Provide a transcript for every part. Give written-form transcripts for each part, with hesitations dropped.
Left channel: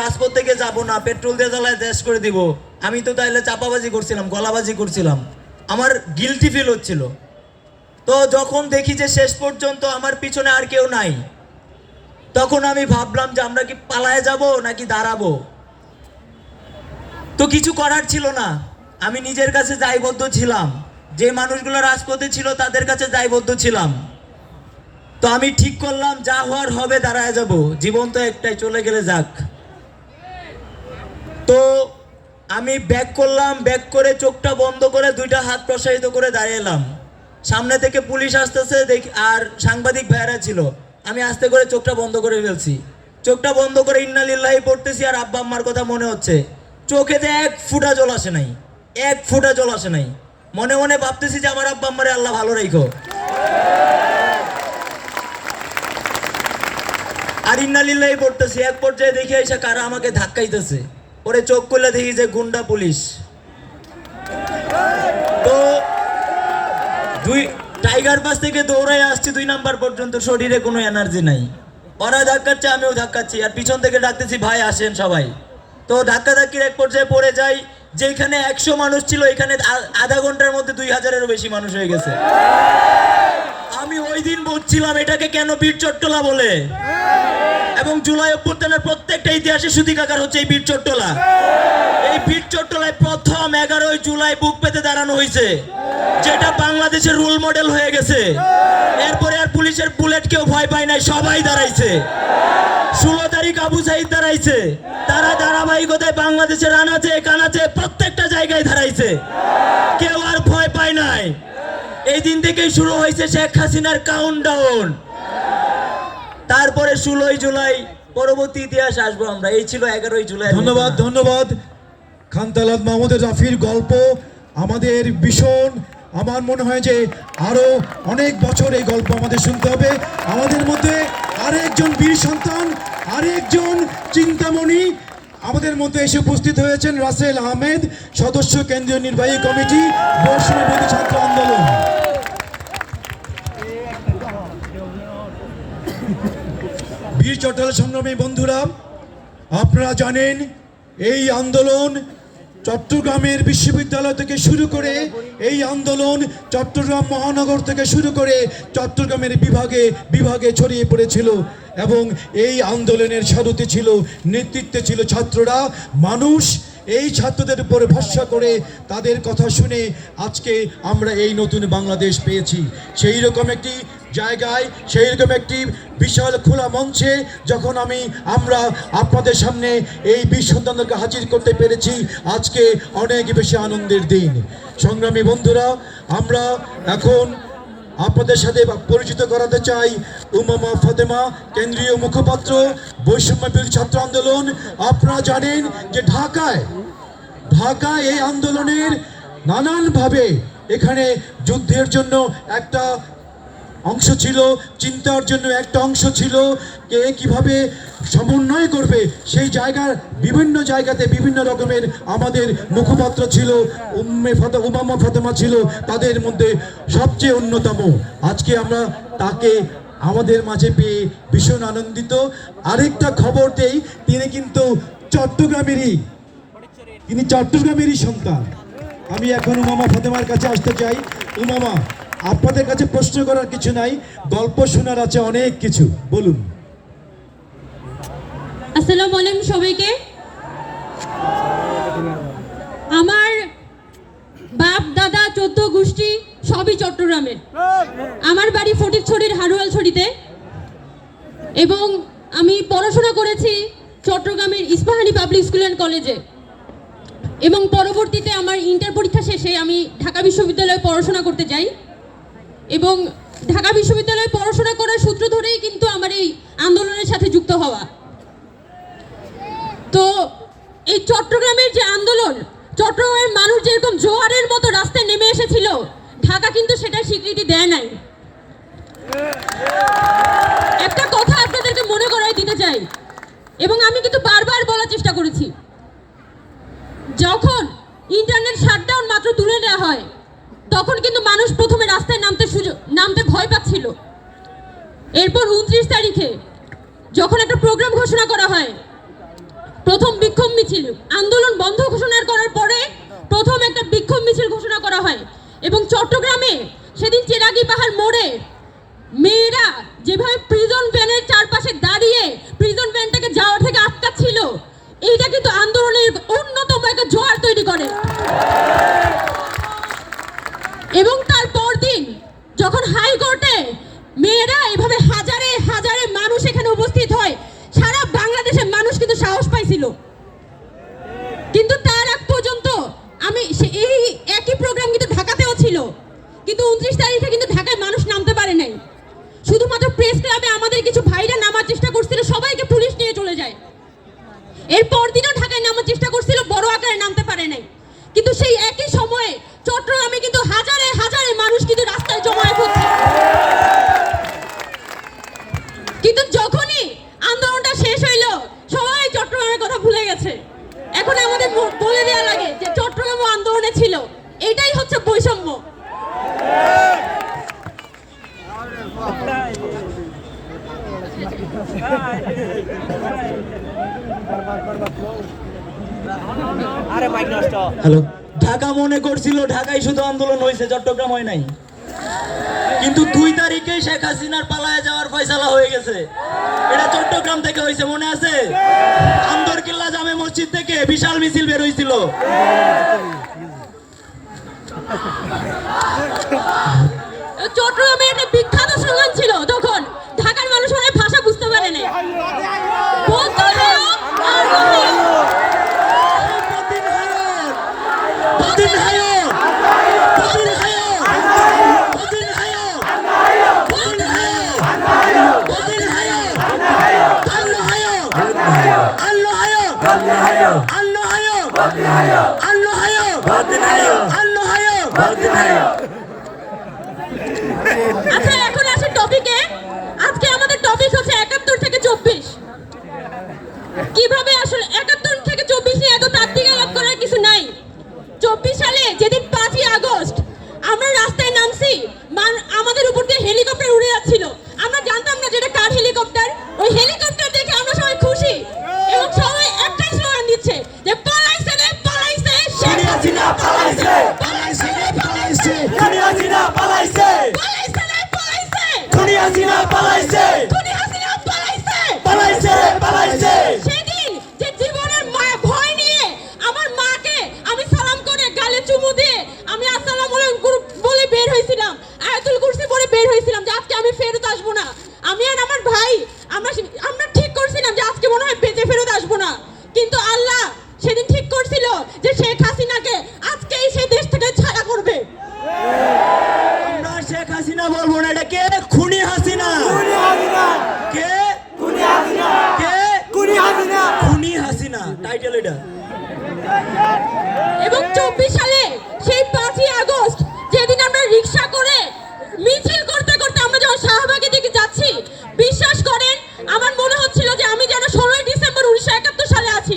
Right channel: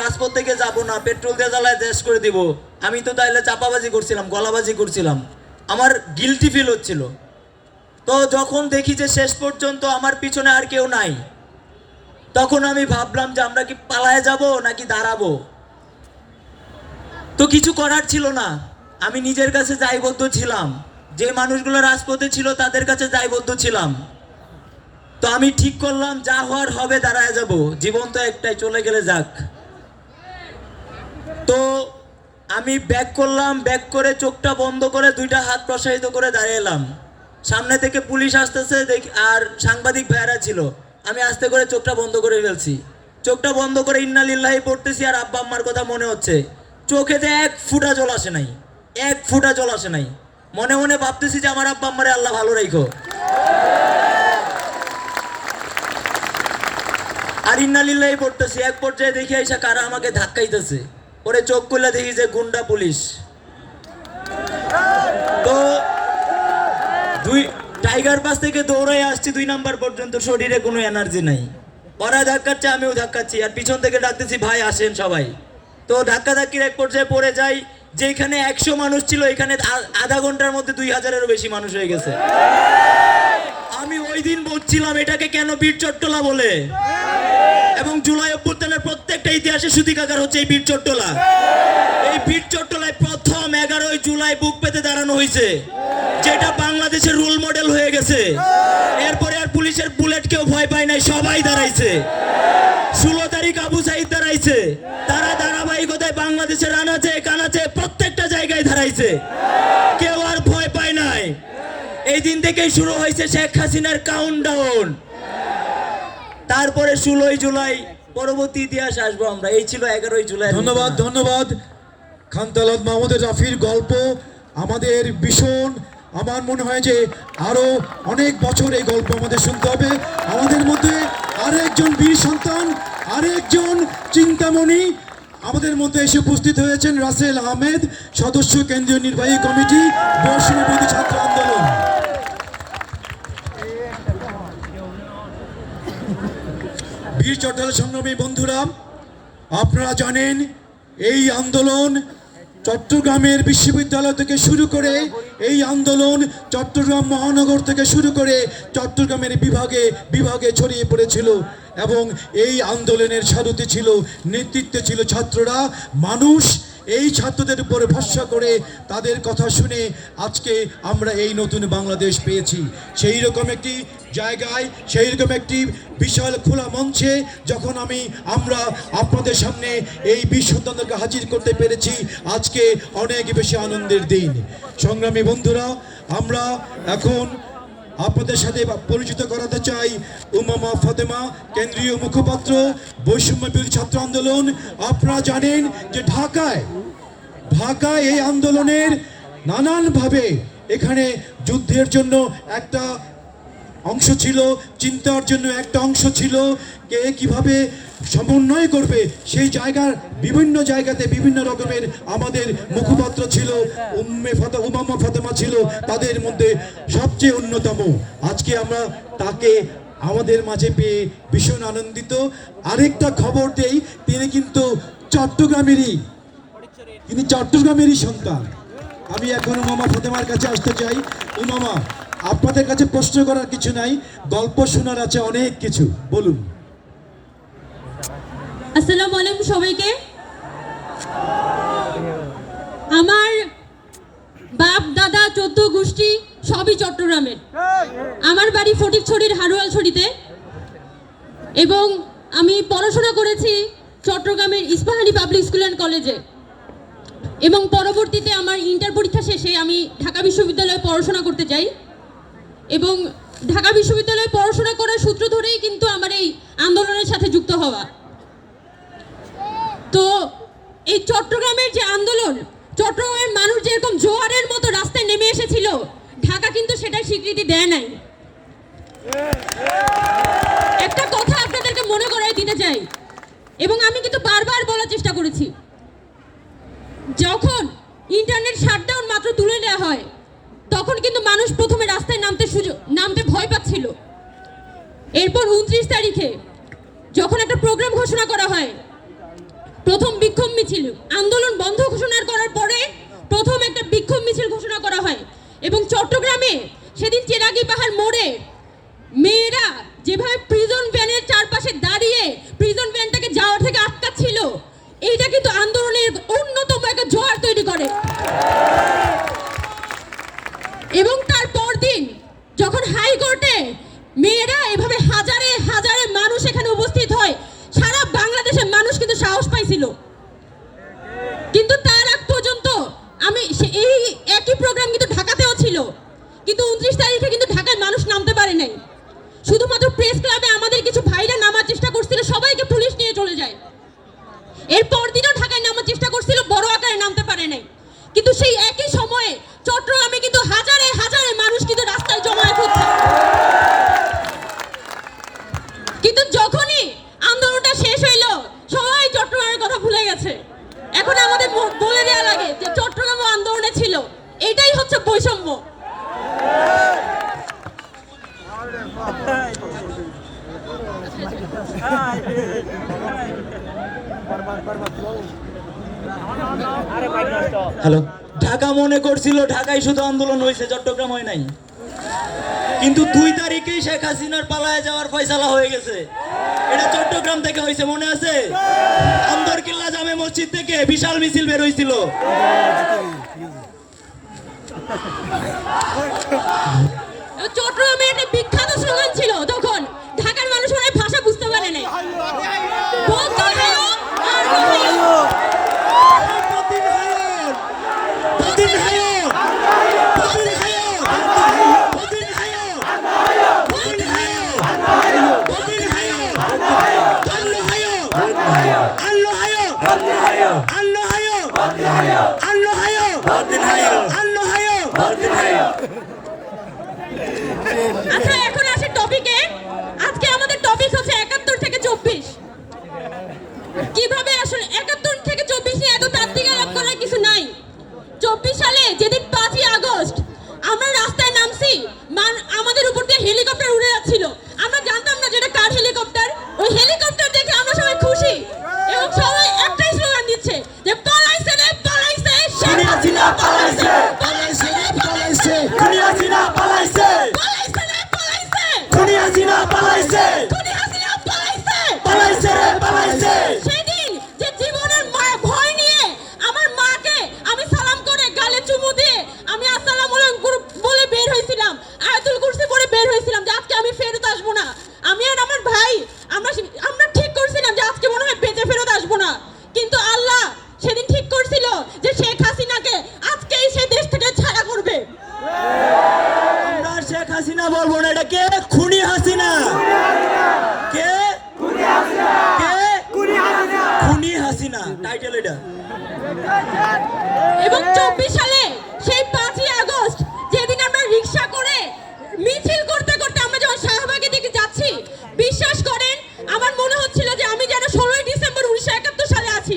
রাজপথ থেকে যাব না, পেট্রোল দিয়ে জ্বালায় দেশ করে দিব। আমি তো তাইলে চাপাবাজি করছিলাম, গলাবাজি করছিলাম, আমার গিলটি ফিল হচ্ছিল। তো যখন দেখি যে শেষ পর্যন্ত আমার পিছনে আর কেউ নাই, তখন আমি ভাবলাম যে আমরা কি পালায় যাব নাকি দাঁড়াবো। তো কিছু করার ছিল না, আমি নিজের কাছে দায়বদ্ধ ছিলাম, যে মানুষগুলো রাজপথে ছিল তাদের কাছে দায়বদ্ধ ছিলাম। তো আমি ঠিক করলাম যা হওয়ার হবে, দাঁড়ায় যাব, জীবন তো একটাই, চলে গেলে যাক। তো আমি ব্যাক করলাম, ব্যাক করে চোখটা বন্ধ করে দুইটা হাত প্রসারিত করে দাঁড়িয়ে এলাম। সামনে থেকে পুলিশ আসতেছে দেখি, আর সাংবাদিক ভাইরা ছিল। আমি আস্তে করে চোখটা বন্ধ করে ফেলছি, চোখটা বন্ধ করে ইন্না লিল্লাহি পড়তেছি, আর আব্বা আম্মার কথা মনে হচ্ছে। চোখেতে এক ফোঁটা জল আসে নাই, এক ফোঁটা জল আসে নাই। মনে মনে ভাবতেছি যে আমার আব্বা আম্মারে আল্লাহ ভালো রাখো। আর ইন্না লিল্লাহি পড়তেছি, এক পর্যায়ে দেখি এসে কারা আমাকে ধাক্কাইতেছে। পরে চোখ খুলে দেখি যে গুন্ডা পুলিশ। তো টাইগার পাস থেকে দৌড়াই আসছি 2 নাম্বার পর্যন্ত, শরীরে কোনো এনার্জি নাই। ওরা ধাক্কাচ্ছে, আমিও ধাক্কাচ্ছি, আর পিছন থেকে ডাকতেছি ভাই আসেন সবাই। তো ধাক্কা ধাক্কির এক পর্যায়ে পড়ে যাই, যেখানে 100 মানুষ ছিল এখানে আধা ঘন্টার মধ্যে 2000-এরও বেশি মানুষ হয়ে গেছে। আমি ওই দিন বলছিলাম এটাকে কেন বীর চট্টলা বলে, এবং জুলাই অভ্যুত্থানের প্রত্যেকটা ইতিহাসে সূতিকাগার হচ্ছে এই বীর চট্টলা। এই বীর চট্টলায় প্রথম 11ই জুলাই বুক পেতে দাঁড়ানো হয়েছে, যেটা বাংলাদেশের রোল মডেল হয়ে গেছে। এরপরে আর পুলিশের বুলেট কেউ ভয় পায় নাই, সবাই দাঁড়াইছে। 16 তারিখ আবু সাইদ দাঁড়াইছে, তারা ধারাবাহিকতায় বাংলাদেশের আনাচে কানাচে প্রত্যেকটা জায়গায় দাঁড়াইছে, কেউ আর ভয় পায় নাই। এই দিন থেকেই শুরু হয়েছে শেখ হাসিনার কাউন্টডাউন। তারপরে 16ই জুলাই, পরবর্তী ইতিহাস আসবো আমরা। এই ছিল 11ই জুলাই। ধন্যবাদ, ধন্যবাদ। খান তালাত মাহমুদের রাফির গল্প আমাদের ভীষণ, আমার মনে হয় যে আরো অনেক বছর এই গল্প আমাদের শুনতে হবে। আমাদের মধ্যে আরেকজন বীর সন্তান, আরেকজন চিন্তামণি আমাদের মধ্যে এসে উপস্থিত হয়েছেন, রাসেল আহমেদ, সদস্য কেন্দ্রীয় নির্বাহী কমিটি, বৈষম্য বিরোধী ছাত্র আন্দোলন। বীর চট্টলা সংগ্রামী বন্ধুরা, আপনারা জানেন এই আন্দোলন চট্টগ্রামের বিশ্ববিদ্যালয় থেকে শুরু করে, এই আন্দোলন চট্টগ্রাম মহানগর থেকে শুরু করে চট্টগ্রামের বিভাগে বিভাগে ছড়িয়ে পড়েছিল, এবং এই আন্দোলনের সারথি ছিল, নেতৃত্বে ছিল ছাত্ররা। মানুষ এই ছাত্রদের উপর ভরসা করে তাদের কথা শুনে আজকে আমরা এই নতুন বাংলাদেশ পেয়েছি। সেই রকম একটি জায়গায়, সেই রকম একটি বিশাল খোলা মঞ্চে যখন আমরা আপনাদের সামনে এই বীর সন্তানদেরকে হাজির করতে পেরেছি, আজকে অনেক বেশি আনন্দের দিন। সংগ্রামী বন্ধুরা, আমরা এখন আপনাদের সাথে পরিচিত করাতে চাই উমামা ফাতেমা, কেন্দ্রীয় মুখপাত্র, বৈষম্য বিরোধী ছাত্র আন্দোলন। আপনারা জানেন যে ঢাকায় এই আন্দোলনের নানানভাবে এখানে যুদ্ধের জন্য একটা অংশ ছিল, চিন্তার জন্য একটা অংশ ছিল, কে কিভাবে সমন্বয় করবে সেই জায়গার বিভিন্ন জায়গাতে বিভিন্ন রকমের আমাদের মুখপাত্র ছিল। উমামা ফাতেমা ছিল তাদের মধ্যে সবচেয়ে অন্যতম। আজকে আমরা তাকে আমাদের মাঝে পেয়ে ভীষণ আনন্দিত। আরেকটা খবর দেই, তিনি কিন্তু চট্টগ্রামেরই সন্তান। আমি এখন উমামা ফাতেমার কাছে আসতে চাই। উমামা, আপনাদের কাছে প্রশ্ন করার কিছু নাই, গল্প শোনার আছে অনেক কিছু, বলুন। আসসালামু আলাইকুম সবাইকে। আমার বাপ দাদা 14 গোষ্ঠী সবই চট্টগ্রামের। আমার বাড়ি ফটিকছড়ির হারুয়ালছড়িতে, এবং আমি পড়াশোনা করেছি চট্টগ্রামের ইস্পাহানি পাবলিক স্কুল অ্যান্ড কলেজে, এবং পরবর্তীতে আমার ইন্টার পরীক্ষা শেষে আমি ঢাকা বিশ্ববিদ্যালয়ে পড়াশোনা করতে যাই, এবং ঢাকা বিশ্ববিদ্যালয়ে পড়াশোনা করার সূত্র ধরেই কিন্তু আমার এই আন্দোলনের সাথে যুক্ত হওয়া। তো এই চট্টগ্রামের যে আন্দোলন, চট্টগ্রামের মানুষ যেরকম জোয়ারের মতো রাস্তায় নেমে এসেছিল, ঢাকা কিন্তু সেটা স্বীকৃতি দেয় নাই। একটা কথা আপনাদেরকে মনে করাই দিতে চাই, এবং আমি কিন্তু বারবার বলার চেষ্টা করেছি, যখন ইন্টারনেট শাটডাউন মাত্র তুলে নেওয়া হয়, তখন কিন্তু মানুষ প্রথমে রাস্তায় নামতে ভয় পাচ্ছিল। এরপর 29 তারিখে যখন একটা প্রোগ্রাম ঘোষণা করা হয়, প্রথম বিক্ষোভ মিছিল, আন্দোলন বন্ধ ঘোষণা করার পরে প্রথম একটা বিক্ষোভ মিছিল ঘোষণা করা হয়। এবং চট্টগ্রামে সেদিন চেরাগি পাহাড় মোড়ে মেয়েরা যেভাবে প্রিজন ভ্যানের চারপাশে দাঁড়িয়ে প্রিজন ভ্যানটাকে যাওয়ার থেকে আটকাচ্ছিল, এইটা কিন্তু আন্দোলনের অন্যতম একটা জোয়ার তৈরি করে। এবং তারপর দিন যখন হাইকোর্টে মেয়েরা এভাবে হাজারে হাজারে মানুষ এখানে উপস্থিত হয়, সারা বাংলাদেশের মানুষ কিন্তু সাহস পাইছিল। কিন্তু তার আগ পর্যন্ত এই একই প্রোগ্রাম কিন্তু ঢাকাতেও ছিল, কিন্তু 29 তারিখে কিন্তু ঢাকায় মানুষ নামতে পারে নাই। শুধুমাত্র প্রেস ক্লাবে আমাদের কিছু ভাইরা নামার চেষ্টা করছিল, সবাইকে পুলিশ নিয়ে চলে যায়। এরপর দিনও ঢাকায় নামার চেষ্টা করছিল, বড় আকারে নামতে পারে নাই। কিন্তু সেই একই সময়ে চট্টগ্রামে কিন্তু হাজারে হাজারে মানুষ কিন্তু রাস্তায় জমায়েত হচ্ছে। কিন্তু যখনই আন্দোলনটা শেষ হইল, সবাই চট্টগ্রামের কথা ভুলে গেছে। এখন আমাদের বলে দেওয়া লাগে যে চট্টগ্রাম আন্দোলনে ছিল, এটাই হচ্ছে বৈষম্য। হ্যালো, ঢাকা মনে করছিল ঢাকায় শুধু আন্দোলন হয়েছে, চট্টগ্রাম হয় নাই। কিন্তু 2 তারিখেই শেখ হাসিনার পালায় যাওয়ার ফয়সালা হয়ে গেছে। এটা চট্টগ্রাম থেকে হয়েছে, মনে আছে? আন্দরকিল্লা জামে মসজিদ থেকে বিশাল মিছিল বের হয়েছিল। চট্টগ্রামে একটা বিখ্যাত স্লোগান ছিল, তখন ঢাকার মানুষ অনেক ভাষা বুঝতে পারে না। আমরা এখন আসি টপিকে। আজকে আমাদের টপিক হচ্ছে 71 থেকে 24। কিভাবে আসলে 71 থেকে 24 নিয়ে এত তাত্ত্বিক আলাপ করার কিছু নাই। 24 সালে যেদিন 5ই আগস্ট আমরা রাস্তায় নামছি, আমাদের উপর দিয়ে হেলিকপ্টার উড়ে যাচ্ছিল। আমরা জানতাম না যে এটা কার হেলিকপ্টার। ওই হেলিকপ্টার দেখে আমরা সবাই খুশি এবং সবাই একটাই স্লোগান দিচ্ছে যে পালাইছে রে পালাইছে, শেখ হাসিনা পালাইছে, পালাইছে রে পালাইছে, খুনি হাসিনা পালাইছে, পালাইছে রে পালাইছে, খুনি হাসিনা পালাইছে, খুনি হাসিনা পালাইছে, পালাইছে রে পালাইছে। সেদিন যে জীবনের ভয় নিয়ে আমার মাকে আমি সালাম করে গালে চুমু দিয়ে আমি আসসালামু আলাইকুম বলে বের হয়েছিলাম, আয়াতুল কুরসি পড়ে বের হয়েছিলাম যে আজকে আমি ফেরত আসবো না। আমি আর আমার ভাই আমরা ঠিক করছিলাম যে আজকে মনে হয় বেঁচে ফেরত আসবো না। কিন্তু আল্লাহ সেদিন ঠিক করছিল যে শেখ হাসিনাকে আজকেই সে দেশ থেকে ছাড়া করবে। আমরা শেখ হাসিনা বলবো না, এটা কে? খুনি হাসিনা। কে? কে? খুনি হাসিনা, টাইটেল এটা। এবং 24 সালে সেই 5ই আগস্ট যেদিন আমরা রিকশা করে মিছিল করতে করতে আমরা যখন শাহবাগের দিকে যাচ্ছি, বিশ্বাস করেন আমার মনে হচ্ছিল যে আমি যেন 16 ডিসেম্বর 1971 সালে আছি।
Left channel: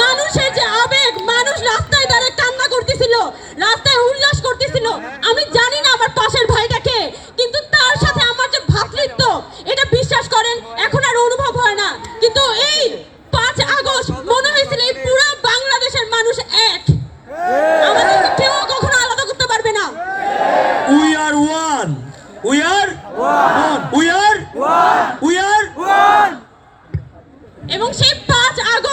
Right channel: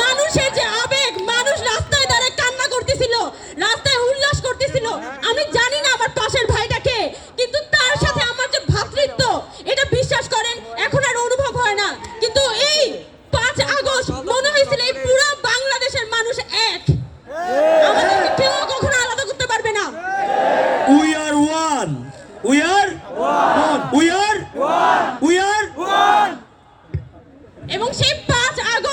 মানুষের যে আবেগ, মানুষ রাস্তায় দাঁড়িয়ে কান্না করতেছিল, রাস্তায় উল্লাস করতেছিল। আমি জানি না আমার পাশের ভাইটাকে, কিন্তু তার সাথে আমার যে ভ্রাতৃত্ব, এটা বিশ্বাস করেন এখন আর অনুভব হয় না। কিন্তু এই 5 আগস্ট মনে হয়েছিল এই পুরো বাংলাদেশের মানুষ এক, আমাদের কেউ কখনো আলাদা করতে পারবে না। We are one. We are one. We are one. We are one. এবং সেই 5 আগস্ট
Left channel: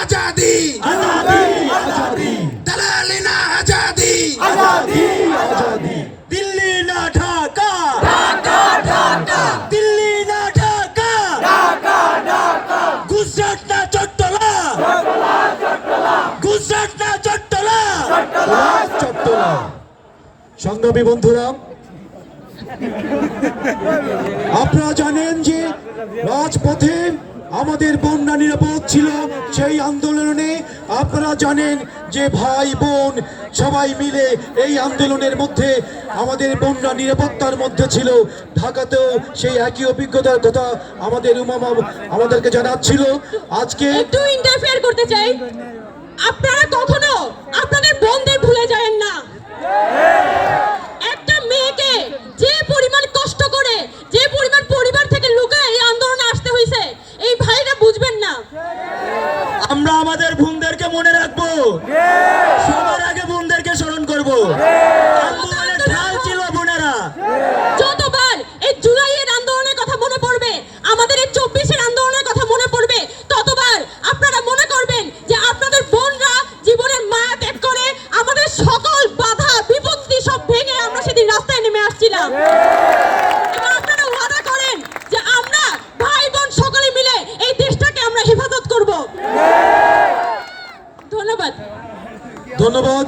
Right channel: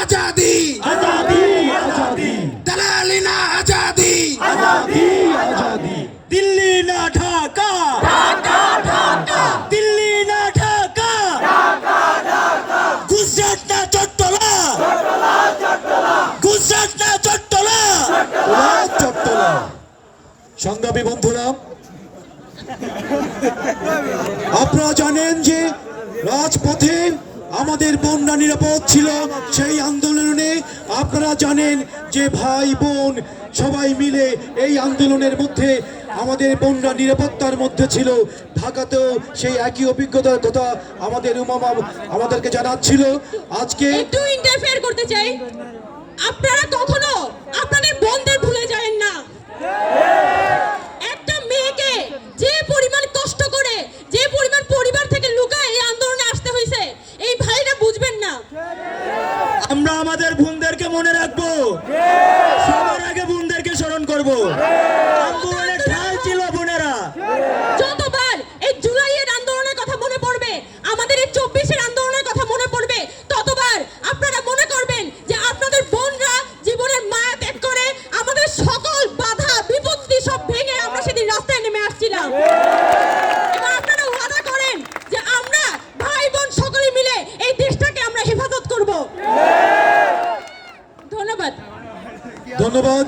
आजादी आजादी आजादी दलाली ना आजादी आजादी आजादी दिल्ली ना ढाका ढाका ढाका दिल्ली ना ढाका ढाका ढाका गुजरात ना चट्टला चट्टला चट्टला गुजरात ना चट्टला চট্টলা। সংগ্রামী বন্ধুরা, আপনারা জানেন যে রাজপথে আমাদের বোনরা নিরাপদ ছিল সেই আন্দোলনে। আপনারা জানেন যে ভাই বোন সবাই মিলে এই আন্দোলনের মধ্যে আমাদের বোনরা নিরাপত্তার মধ্যে ছিল। ঢাকাতেও সেই একই অভিজ্ঞতার কথা আমাদের উমামা আমাদেরকে জানাচ্ছিল। আজকে একটু ইন্টারফেয়ার করতে চাই, আপনারা কখনো আপনাদের বোনদের ভুলে যাবেন না। একটা মেয়েকে যে পরিমাণ কষ্ট করে, যে পরিমাণ পরিবার থেকে লুকায় এই আন্দোলনে আসতে হয়েছে, এই ভাইরা বুঝবেন না। আমরা আমাদের বোনদেরকে মনে রাখবো, সবার আগে বোনদেরকে স্মরণ করবো। আন্দোলনের ঢাল ছিল বোনেরা। যতবার এই জুলাইয়ের আন্দোলনের কথা মনে পড়বে, আমাদের এই 24-এর আন্দোলনের কথা মনে পড়বে, ততবার আপনারা মনে করবেন যে আপনাদের বোনরা জীবনের মায়া ত্যাগ করে আমাদের সকল বাধা বিপত্তি সব ভেঙে আমরা সেদিন রাস্তায় নেমে আসছিলাম। এবার আপনারা ওয়াদা করেন যে আমরা ভাই বোন সকলে মিলে এই দেশটাকে আমরা হেফাজত করব। ধন্যবাদ। ধন্যবাদ।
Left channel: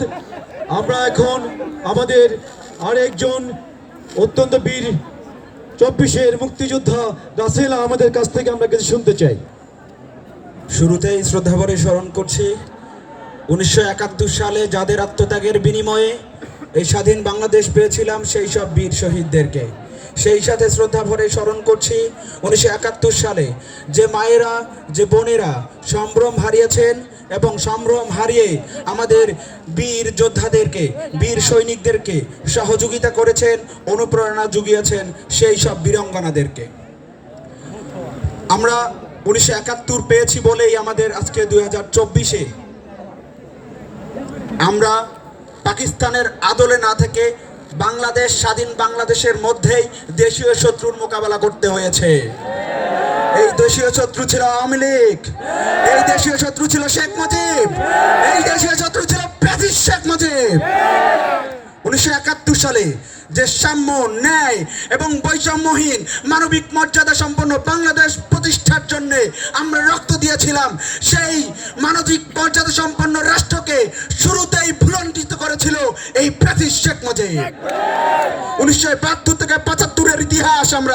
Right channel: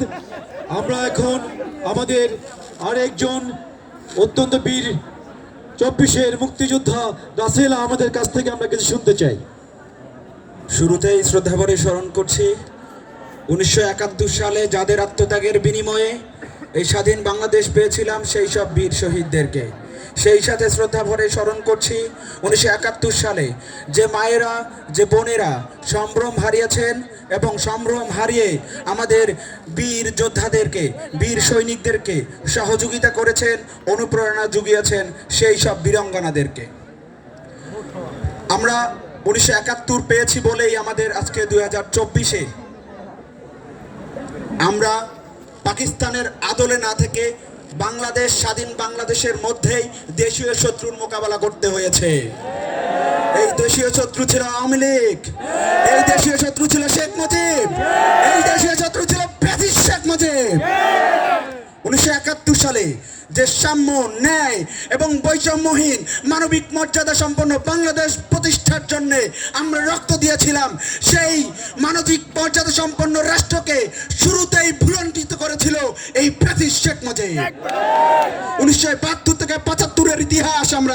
আমরা এখন আমাদের আরেকজন অত্যন্ত বীর 24-এর মুক্তিযোদ্ধা রাসেল আমাদের কাছ থেকে আমরা কিছু শুনতে চাই। শুরুতেই শ্রদ্ধাভরে স্মরণ করছি 1971 সালে যাদের আত্মত্যাগের বিনিময়ে এই স্বাধীন বাংলাদেশ পেয়েছিলাম সেই সব বীর শহীদদেরকে। সেই সাথে শ্রদ্ধাভরে স্মরণ করছি 1971 সালে যে মায়েরা, যে বোনেরা সম্ভ্রম হারিয়েছেন এবং সম্ভ্রম হারিয়ে আমাদের বীর যোদ্ধাদেরকে, বীর সৈনিকদেরকে সহযোগিতা করেছেন, অনুপ্রেরণা জুগিয়েছেন সেই সব বীরাঙ্গনাদেরকে। আমরা 1971 পেয়েছি বলেই আমাদের আজকে 2024-এ আমরা পাকিস্তানের আদলে না থেকে বাংলাদেশ, স্বাধীন বাংলাদেশের মধ্যেই দেশীয় শত্রুর মোকাবেলা করতে হয়েছে। এই দেশীয় শত্রু ছিল আওয়ামী লীগ, এই দেশীয় শত্রু ছিল শেখ মুজিব, এই দেশীয় শত্রু ছিল ফ্যাসিস্ট শেখ মুজিব। 1971 সালে যে সাম্য, ন্যায় এবং বৈষম্যহীন মানবিক মর্যাদা সম্পন্ন বাংলাদেশ প্রতিষ্ঠার জন্য আমরা রক্ত দিয়েছিলাম, সেই মানবিক মর্যাদা সম্পন্ন রাষ্ট্রকে শুরুতেই ভুলণ্ঠিত করেছিল এই ফ্যাসিস্ট শেখ মুজিব। 1972 থেকে 75-এর ইতিহাস আমরা